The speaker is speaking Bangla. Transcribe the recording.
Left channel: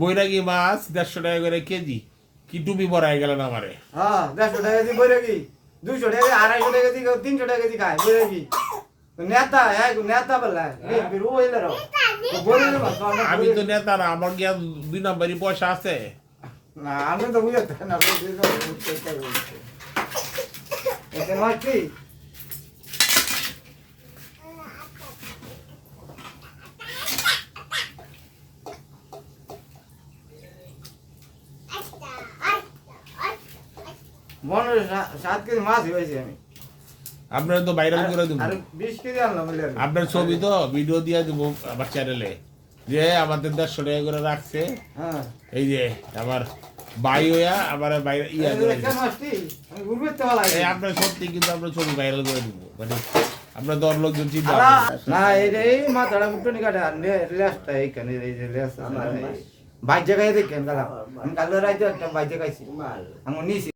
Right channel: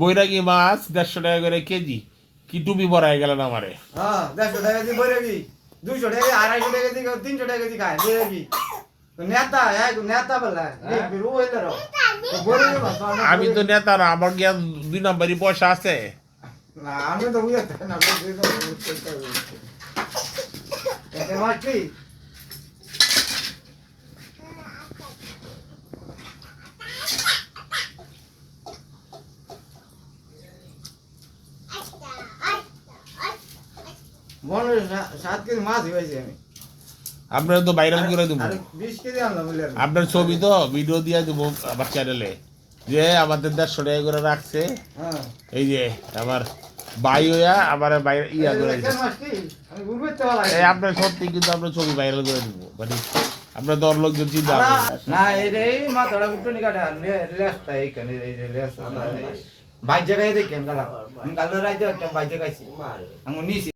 বৈরাগী মাছ দেড়শো টাকা করে কেজি। কি টুপি পরাই গেলেন আমারে? হ্যাঁ দেড়শো টাকা বই রাখি দুইশো টাকা আড়াইশো টাকা দিয়ে তিনশো টাকা দিয়ে খায় বই রাখি নেতা এক নেতা বললা না, আমি তো নেতা না আমার জ্ঞান দুই নম্বরই পয়সা আছে। না আমি তো বুঝতে না বুঝতে তো বুঝতে তো বুঝতে। এতে মাছ কি মনে সাত কেজি মাছ হয়েছে আমি। আপনারা তো ভাইরাল করে দেবো। আপনার ছবি তো ভিডিও দিয়ে দেবো আমার চ্যানেলে যে আমাদের দেড়শো টাকা করে রাখছে হ্যাঁ। এই যে আমার ভাই হইয়া আমার বাইরে ইয়া করে এই আপনার সত্যি কিন্তু আপনার ছবি ভাইরাল করে দিব। মানে আপনার দর লোকজন চিন্তা না এই মাথাটা মুটনি কাটে আর এইখানে এই যে লেজ বাইর জায়গায় দেখেন গেলাম কালো রাইতে একটা বাইর জায়গায় আমি নিছি।